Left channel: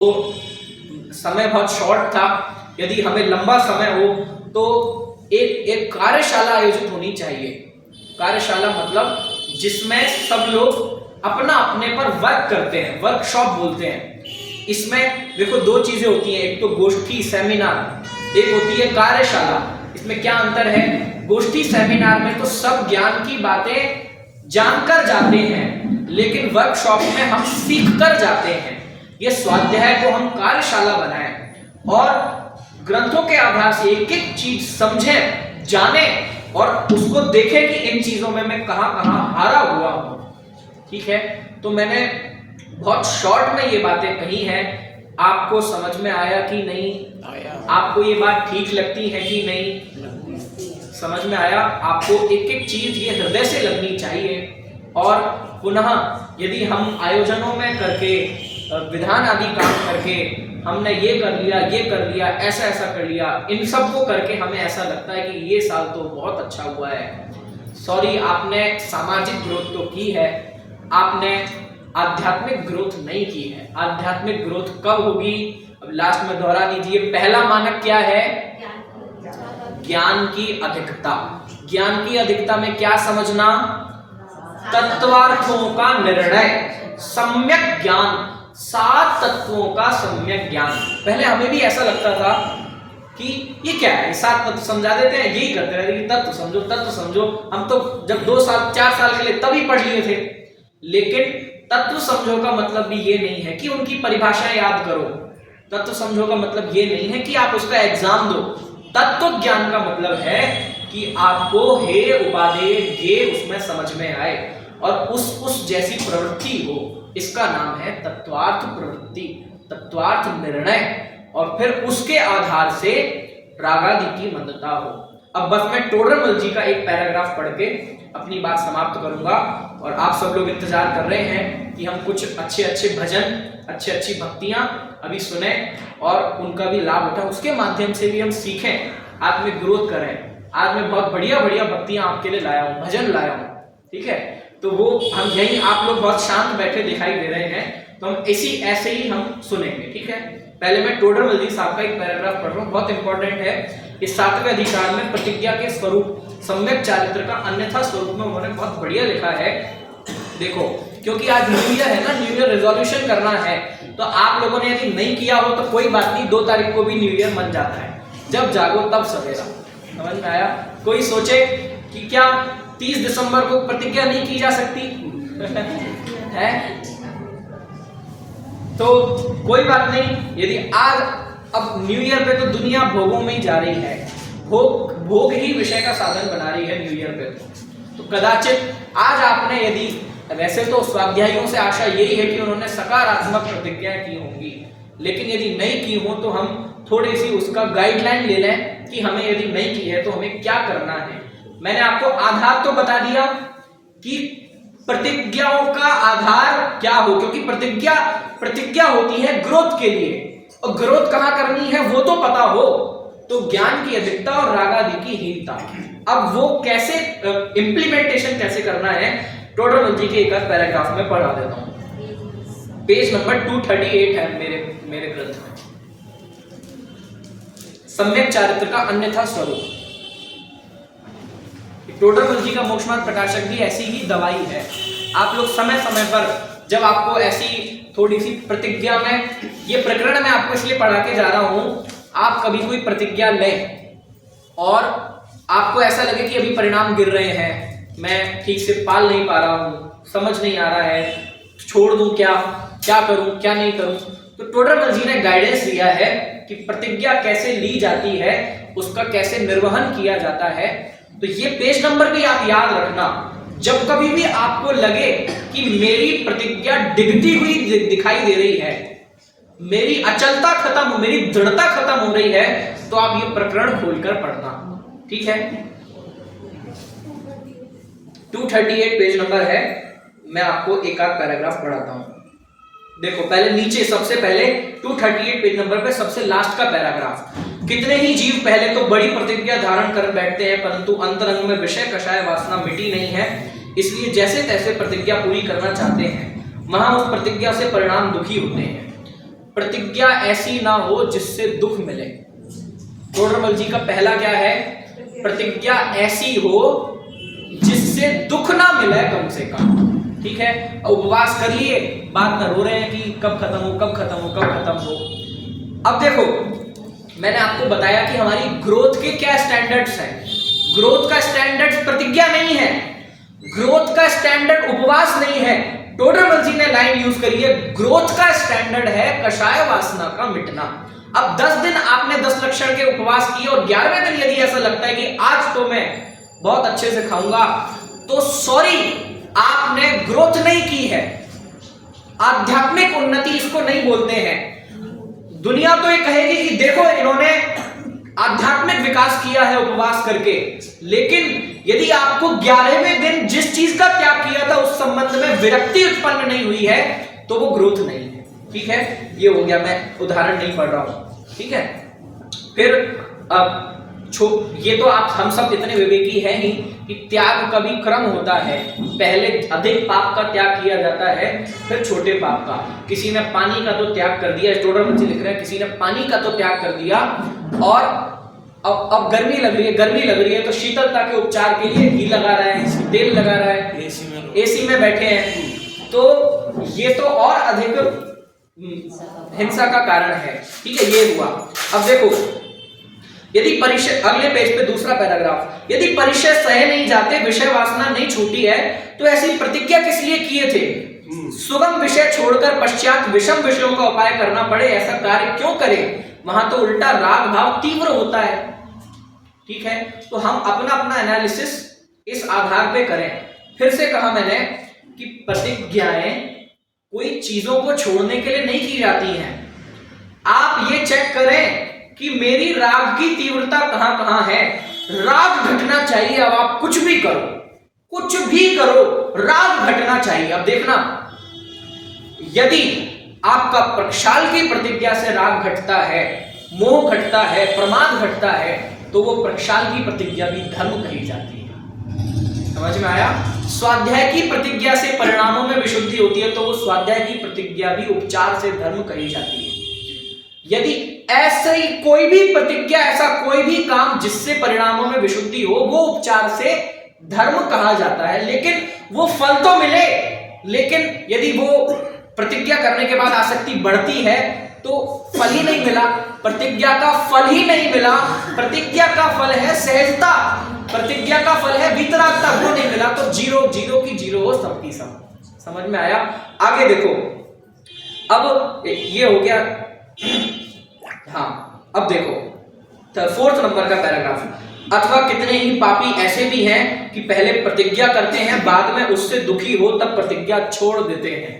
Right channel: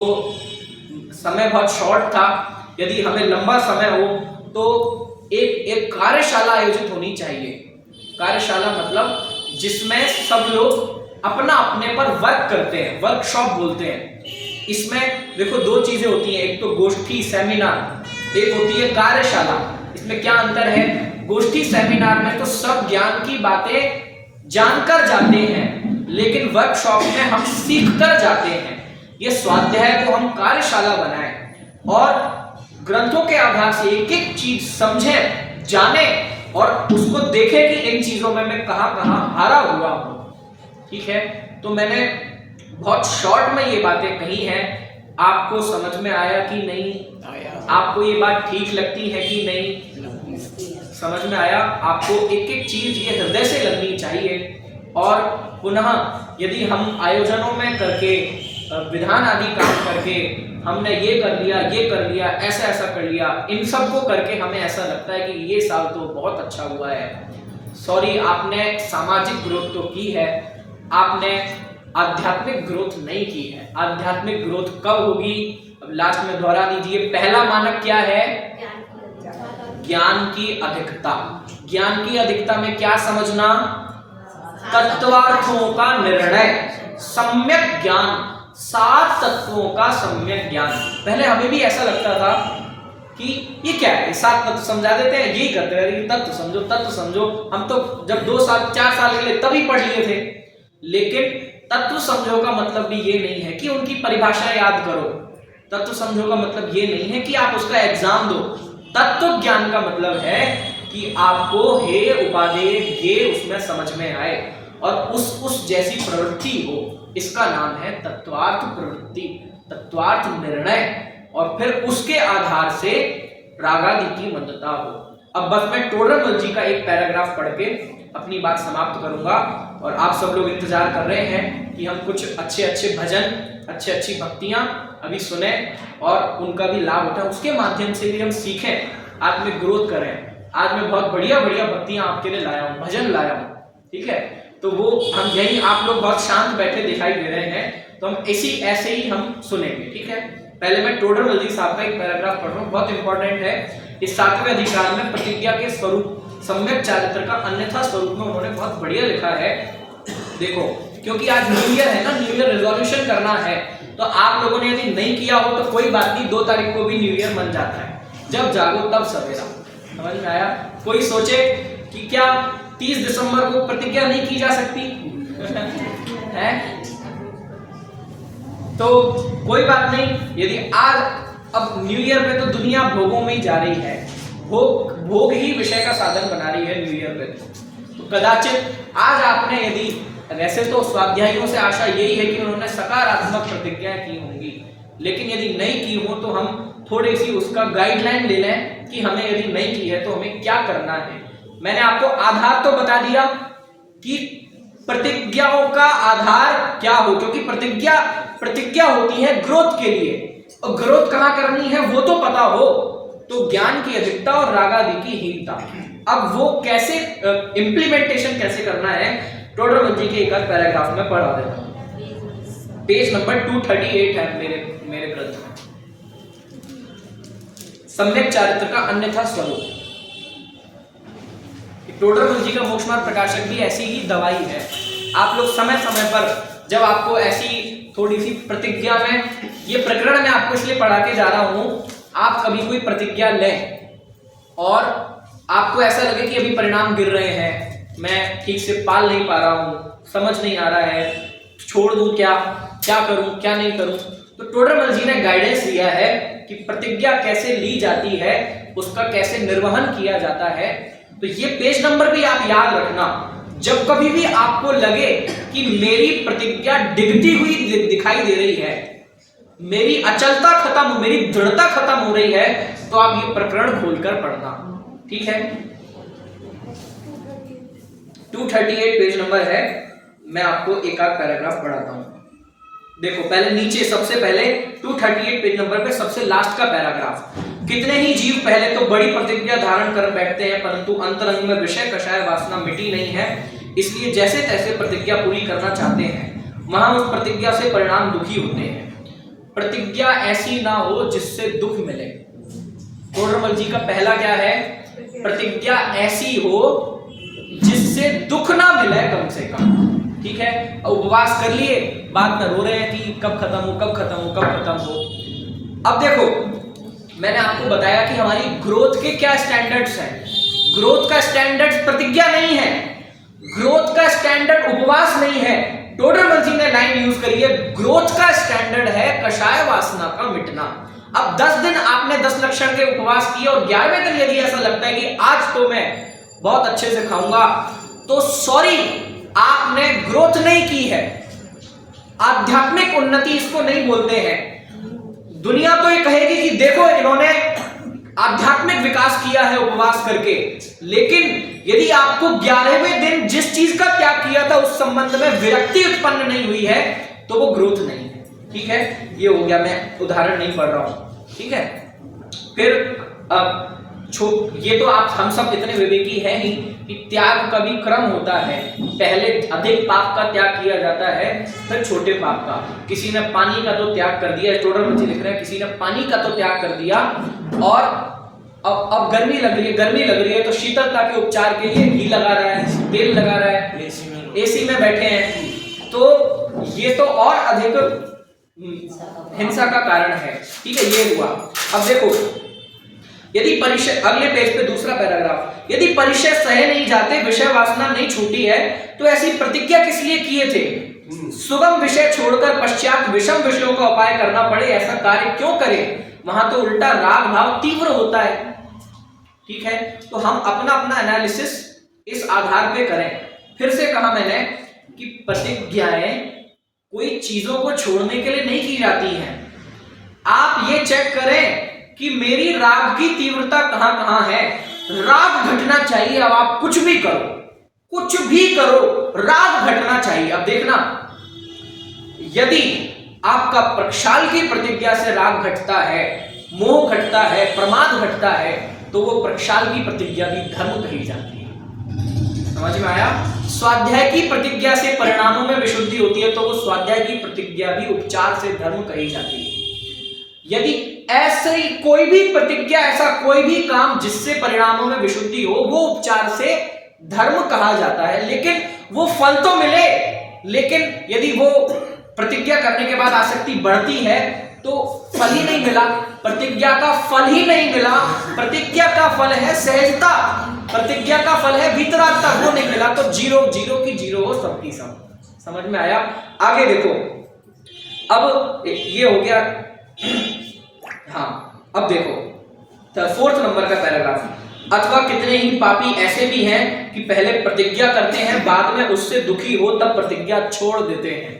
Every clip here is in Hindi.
तो समय बहुत शॉर्ट था। यदि हमें लंबा समय हो तो एक कार्यशाला आयोजित होनी चाहिए। कार्यशाला मतलब जिसमें सब लोग अपना अपने पर वर्क करते हैं, वर्कशॉप बोलते हैं। इसमें देखो दो चीजें होती हैं, एक तो गोष्ठी सेमिनार, एक होती है कार्यशाला। इसमें क्या अंतर है? गोष्ठी सेमिनार में तो सब ज्ञान की बातें जानकर जाते हैं, लेकिन वर्कशॉप में हम सीख कर जाते हैं। ये स्वाध्याय को हम कार्यशाला बनाएं और ग्रंथों के आधार से एक एक चीज समझें, जाने और उसको देखें कि इन चीजों में मैं कहां हारा हुआ हूं। ठीक है, तो मैंने बहुत शॉर्ट में ये बातें कही हैं। आपको समझ में आया कि नहीं आया? आपको ये बात ठीक लगती है कि नहीं? समझ में आया? आपको एक एक चीज ये हृदय से लगनी चाहिए। और पुनः यदि हम आयोजनों में करके विधान आदि काम करके हमने ये कर लिया, ऐसा ऐसा कर लिया, इन सब को करके हमें ऐसा लगता है कि ये साल तो बहुत अच्छा हुआ है। सॉरी, आपने सामाजिक ग्रोथ तो की है, आपने आध्यात्मिक ग्रोथ नहीं की है। आध्यात्मिक ग्रोथ कब होगी? अब लास्ट में दोहरा दीजिए, पहला मानक क्या है? ज्ञान की अधिकता। ज्ञान की अधिकता में क्या समझना? तत्वार्थों का निर्णय, सम्यक ज्ञान, 7 तत्वों का सम्यक ज्ञान। पहले हमें भी ऐसा लगता था कि ये क्या है, 7 तत्व समझा देते हैं, यही करते रहते हैं, तत्व समझो तत्व समझो। हम तो जब 2 साल 4 साल के लिए तभी पढ़ लिए थे। लेकिन तत्व समझो का मतलब भी ये नहीं है कि उनकी परिभाषाएं याद करो। तत्व समझो का मतलब ये नहीं है कि आप उसका एग्जाम दो। तत्व ज्ञान का मतलब है कि आपको हे उपादेय ये उसमें समझ में आए और उस जैसी प्रवृत्ति हो। इसका नाम है तत्वार्थ प्रवृत्ति, तत्वार्थ निर्णय, और फिर उसके आधार से रागादि की मंदता हो। अब बस मैं टोडरमल जी का एक पैराग्राफ पढ़ के अपनी बात समाप्त करूंगा और आप सब लोग इंतजार कर रहे हैं कि हम कुछ अच्छे अच्छे भजन, अच्छी अच्छी भक्तियां अभी सुने और उनका भी लाभ उठाएं, उसके माध्यम से भी हम सीखें, आत्मिक ग्रोथ करें। आज मैं बहुत बढ़िया बढ़िया भक्तियां आपके लिए लाया हूं, भजन लाया हूं। ठीक है, तो वो हम यही, आप लोग बहुत शांत बैठे दिखाई दे रहे हैं, तो हम ऐसे ही हम सुनेंगे। ठीक है, पहले मैं टोडरमल जी साहब का एक पैराग्राफ पढ़ रहा हूं, बहुत इंपॉर्टेंट है। इस 7वें अधिकार में प्रतिज्ञा के स्वरूप, सम्यक चारित्र का अन्यथा स्वरूप में उन्होंने बहुत बढ़िया लिखा है। देखो, क्योंकि आज न्यू ईयर है ना, न्यू ईयर रेजोल्यूशन करना है, तो आप लोगों ने यदि नहीं किया हो तो कोई बात नहीं, 2 तारीख को भी न्यू ईयर बन जाता है। जब जागो तब सवेरा। समझ में आया? कोई सोचे कि क्या 30 दिसंबर को प्रतिज्ञा नहीं की जा सकती है? तो कोई बात नहीं, यदि आज, अब न्यू ईयर पे तो दुनिया भोगों में ही जा रही है, भोग ही विषय का साधन बना रही है न्यू ईयर पे। तो कदाचित आज आपने यदि, वैसे तो स्वाध्यायियों से आशा यही है कि उन्होंने सकारात्मक प्रतिज्ञाएं की होंगी, लेकिन यदि नहीं की हो तो हम थोड़ी सी उसका गाइडलाइन ले लें कि हमें यदि नहीं की है तो हमें क्या करना है। मैंने आपको आधार तो बता दिया कि प्रतिज्ञाओं का आधार क्या हो, क्योंकि प्रतिज्ञा होती है ग्रोथ के लिए, और ग्रोथ कहां करनी है वो तो पता हो। तो ज्ञान की अधिकता और रागादि की हीनता, अब वो कैसे इंप्लीमेंटेशन कैसे करना है, टोडरमल जी के एक पैराग्राफ में पढ़ा देता हूं। पेज नंबर 238 है मेरे ग्रंथ में। सम्यक चारित्र का अन्यथा स्वरूप। टोडरमल जी का मोक्ष मार्ग प्रकाशक भी ऐसी ही दवाई है। आप लोग समय समय पर जब आपको ऐसी थोड़ी सी प्रतिज्ञा में, ये प्रकरण मैं आपको इसलिए पढ़ा के जा रहा हूं, आप कभी कोई प्रतिज्ञा लें और आपको ऐसा लगे कि अभी परिणाम गिर रहे हैं, मैं ठीक से पाल नहीं पा रहा हूं, समझ नहीं आ रहा है, छोड़ दूं क्या करूं क्या नहीं करूं, तो टोडरमल जी ने गाइडेंस दिया है कि प्रतिज्ञा कैसे ली जाती है, उसका कैसे निर्वहन किया जाता है। तो ये पेज नंबर भी आप याद रखना। जब कभी भी आपको लगे कि मेरी प्रतिज्ञा डिगती हुई दिखाई दे रही है, मेरी अचलता खत्म, मेरी दृढ़ता खत्म हो रही है, तो आप ये प्रकरण खोलकर पढ़ना। ठीक है, 238 पेज नंबर है। मैं आपको एक आध पैराग्राफ पढ़ाता हूं। देखो, पहले नीचे सबसे पहले 238 पेज नंबर पे सबसे लास्ट का पैराग्राफ। कितने ही जीव पहले तो बड़ी प्रतिज्ञा धारण कर बैठते हैं, परंतु अंतरंग में विषय कषाय वासना मिटी नहीं है, इसलिए जैसे तैसे प्रतिज्ञा पूरी करना चाहते हैं, वहां उस प्रतिज्ञा से परिणाम दुखी होते हैं। प्रतिज्ञा ऐसी ना हो जिससे दुख मिले। टोडरमल जी का पहला क्या है? प्रतिज्ञा ऐसी हो जिससे दुख ना मिले कम से कम। ठीक है, उपवास कर लिए, बाद में रो रहे हैं कि कब खत्म हो, कब खत्म हो, कब खत्म हो। अब देखो, मैंने आपको बताया कि हमारी ग्रोथ के क्या स्टैंडर्ड्स हैं। ग्रोथ का स्टैंडर्ड प्रतिज्ञा नहीं है, ग्रोथ का स्टैंडर्ड उपवास नहीं है। टोडरमल जी ने लाइन यूज करी है, ग्रोथ का स्टैंडर्ड है कषाय वासना का मिटना। अब 10 दिन आपने 10 लक्षण के उपवास किए और 11वें दिन यदि ऐसा लगता है कि आज तो मैं बहुत अच्छे से खाऊंगा, तो सॉरी, आपने ग्रोथ नहीं की है। आध्यात्मिक उन्नति इसको नहीं बोलते हैं। दुनिया तो ये कहेगी कि देखो इन्होंने आध्यात्मिक विकास किया है उपवास करके, लेकिन यदि आपको 11वें दिन जिस चीज का त्याग किया था उस संबंध में विरक्ति उत्पन्न नहीं हुई है, तो वो ग्रोथ नहीं है। ठीक है, ये हो गया, मैं उदाहरण नहीं पढ़ रहा हूं। ठीक है, फिर अब ये तो आप हम सब इतने विवेकी हैं ही कि त्याग का भी क्रम होता है। पहले अधिक पाप का त्याग किया जाता है, फिर छोटे पाप का। किसी ने पानी का तो त्याग कर दिया, टोडरमल जी लिख रहे हैं, किसी ने पानी का तो त्याग कर दिया, और अब गर्मी लग रही है तो शीतलता के उपचार के लिए घी लगा रहा है, तेल लगा रहा है, एसी में बैठे हैं, तो ये तो और अधिक हिंसा का कारण है। ठीक है, ये हुआ। अब देखो, यदि परिचय, अगले पेज पे दूसरा पैराग्राफ, यदि परिचय सह नहीं जाते, विषय वासना नहीं छूटी है, तो ऐसी प्रतिज्ञा किस लिए किए थे? सुगम विषय छोड़कर पश्चात विषम विषयों का उपाय करना पड़े, ऐसा कार्य क्यों करें? वहां तो उल्टा राग भाव तीव्र होता है। ठीक है, तो हम अपना अपना एनालिसिस इस आधार पे करें। फिर से कहा मैंने कि प्रतिज्ञाएं कोई चीजों को छोड़ने के लिए नहीं की जाती हैं। आप ये चेक करें कि मेरी राग की तीव्रता कहां कहां है। राग घटना चाहिए। अब आप कुछ भी करो, राग घटना चाहिए। अब देखना, यदि आपका प्रक्षाल की प्रतिज्ञा से राग घटता है, मोह घटता है, प्रमाद घटता है, तो वो प्रक्षाल की प्रतिज्ञा भी धर्म कही जाती है। समझ में आया? स्वाध्याय की प्रतिज्ञा से परिणामों में विशुद्धि होती है, तो वो स्वाध्याय की प्रतिज्ञा भी उपचार से धर्म कही जाती है। यदि ऐसे ही कोई भी प्रतिज्ञा, ऐसा कोई भी काम जिससे परिणामों में विशुद्धि हो, वो उपचार से धर्म कहा जाता है। लेकिन वो फल तो मिले, लेकिन यदि वो प्रतिज्ञा करने के बाद आसक्ति बढ़ती है तो फल ही नहीं मिला, प्रतिज्ञा का फल ही नहीं मिला। प्रतिज्ञा का फल है सहजता, प्रतिज्ञा का फल है वितरागता, वो नहीं मिला तो जीरो की जीरो हो, सबकी सब। समझ में आया? आगे देखो, अब ये हो गया। हाँ, अब देखो 4th नंबर का पैराग्राफ। अथवा कितने ही पापी ऐसे भी हैं कि पहले प्रतिज्ञा करते हैं, बाद में उससे दुखी हो तब प्रतिज्ञा छोड़ देते हैं।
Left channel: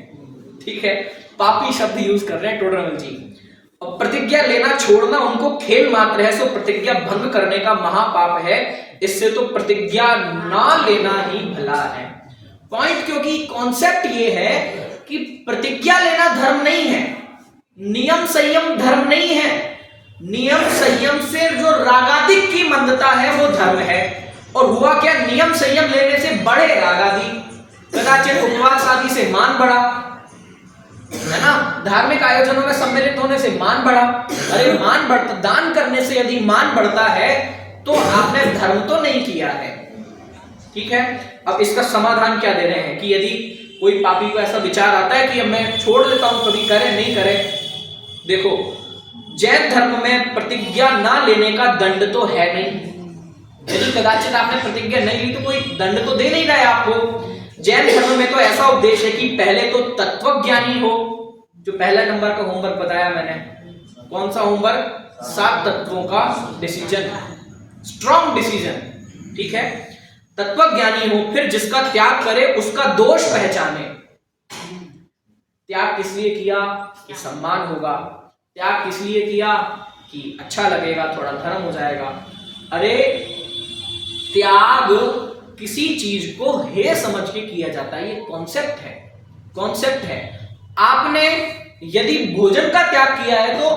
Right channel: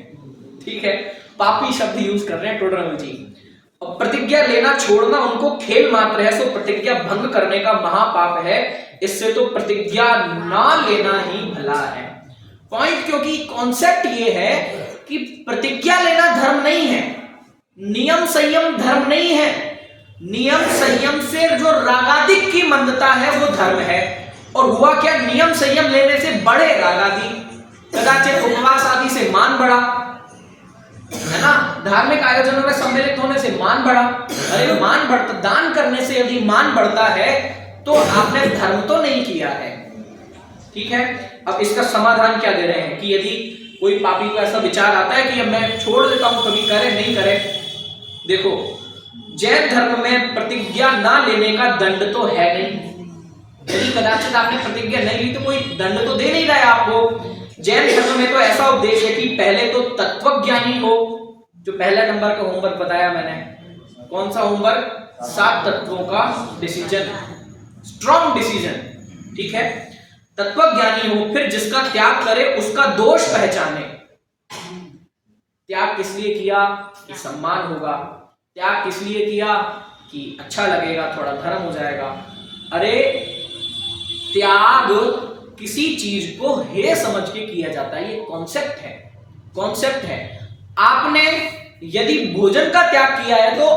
ठीक है, पापी शब्द यूज कर रहे हैं टोडरमल जी। और प्रतिज्ञा लेना छोड़ना उनको खेल मात्र है, सो प्रतिज्ञा भंग करने का महापाप है। इससे तो प्रतिज्ञा ना लेना ही भला है। पॉइंट, क्योंकि कॉन्सेप्ट ये है कि प्रतिज्ञा लेना धर्म नहीं है, नियम संयम धर्म नहीं है। नियम संयम से जो रागादिक की मंदता है वो धर्म है। और हुआ क्या? नियम संयम लेने से बड़े रागादि, कदाचित उपवास आदि से मान बढ़ा, है ना? धार्मिक आयोजनों में सम्मिलित होने से मान बढ़ा। अरे मान बढ़ता, दान करने से यदि मान बढ़ता है तो आपने धर्म तो नहीं किया है। ठीक है, अब इसका समाधान क्या दे रहे हैं कि यदि कोई पापी को ऐसा विचार आता है कि अब मैं छोड़ देता हूं, कभी करे नहीं करे। देखो, जैन धर्म में प्रतिज्ञा ना लेने का दंड तो है नहीं। यदि कदाचित आपने प्रतिज्ञा नहीं ली तो कोई दंड तो दे नहीं रहा है आपको। जैन धर्म में तो ऐसा उपदेश है कि पहले तो तत्वज्ञानी हो। जो पहला नंबर का होमवर्क बताया मैंने, कौन सा होमवर्क? 7 तत्वों का डिसीजन, स्ट्रॉन्ग डिसीजन। ठीक है, तत्वज्ञानी हो, फिर जिसका त्याग करे उसका दोष पहचाने। त्याग किस लिए किया? कि सम्मान होगा। त्याग किस लिए किया? कि अच्छा लगेगा, थोड़ा धर्म हो जाएगा। अरे त्याग किसी चीज को हे समझ के किया जाता है, ये कॉन्सेप्ट है। आपने यदि भोजन का त्याग किया है तो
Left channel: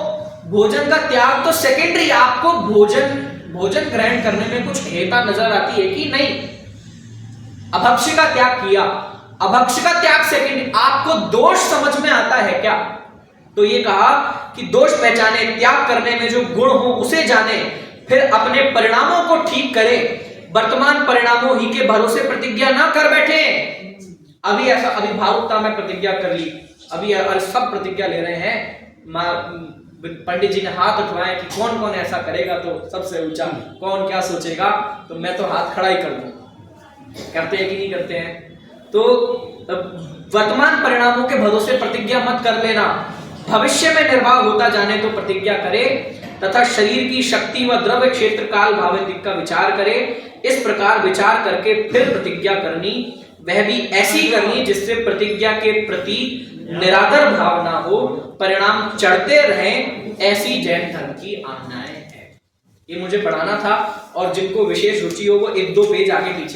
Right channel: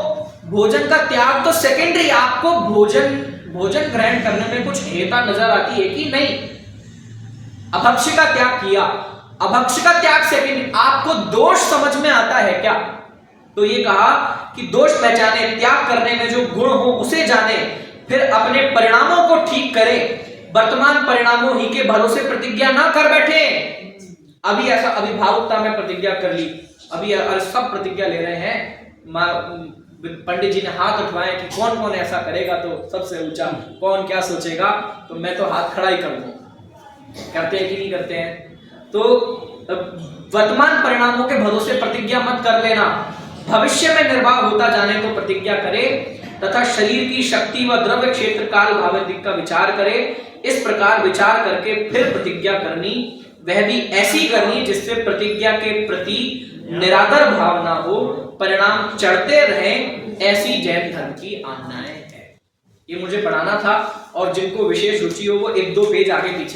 भोजन का त्याग तो सेकेंडरी, आपको भोजन ग्रहण करने में कुछ हेता नजर आती है कि नहीं? अभक्ष्य का त्याग किया, अभक्ष्य का त्याग सेकेंडरी, आपको दोष समझ में आता है क्या? तो ये कहा कि दोष पहचाने, त्याग करने में जो गुण हो उसे जाने, फिर अपने परिणामों को ठीक करे, वर्तमान परिणामों ही के भरोसे प्रतिज्ञा ना कर बैठे। अभी ऐसा अभिभावुकता में प्रतिज्ञा कर ली, अभी सब प्रतिज्ञा ले रहे हैं, पंडित जी ने हाथ उठवाए कि कौन कौन ऐसा करेगा, तो सबसे ऊंचा कौन क्या सोचेगा, तो मैं तो हाथ खड़ा ही कर दूं। करते हैं कि नहीं करते हैं? तो वर्तमान परिणामों के भरोसे प्रतिज्ञा मत कर लेना, भविष्य में निर्वाह होता जाने तो प्रतिज्ञा करे, तथा शरीर की शक्ति व द्रव्य क्षेत्र काल भावनिक का विचार करे। इस प्रकार विचार करके फिर प्रतिज्ञा करनी, वह भी ऐसी करनी जिससे प्रतिज्ञा के प्रति निरादर भावना हो, परिणाम चढ़ते रहें, ऐसी जैन धर्म की आज्ञाएं है। ये मुझे पढ़ाना था, और जिनको विशेष रुचि हो वो 1-2 पेज आगे पीछे